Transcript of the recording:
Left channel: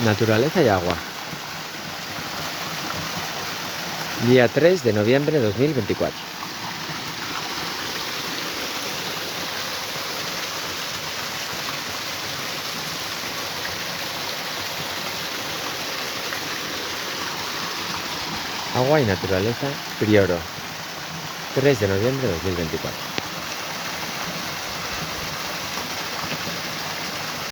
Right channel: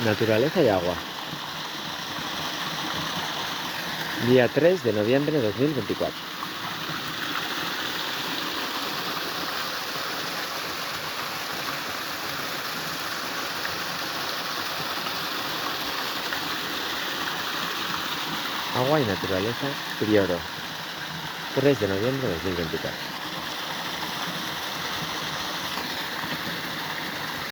Naturaleza y agua. Día 3 de noviembre de 2024. Agua y naturaleza, Prioro. 3 de noviembre de 2024.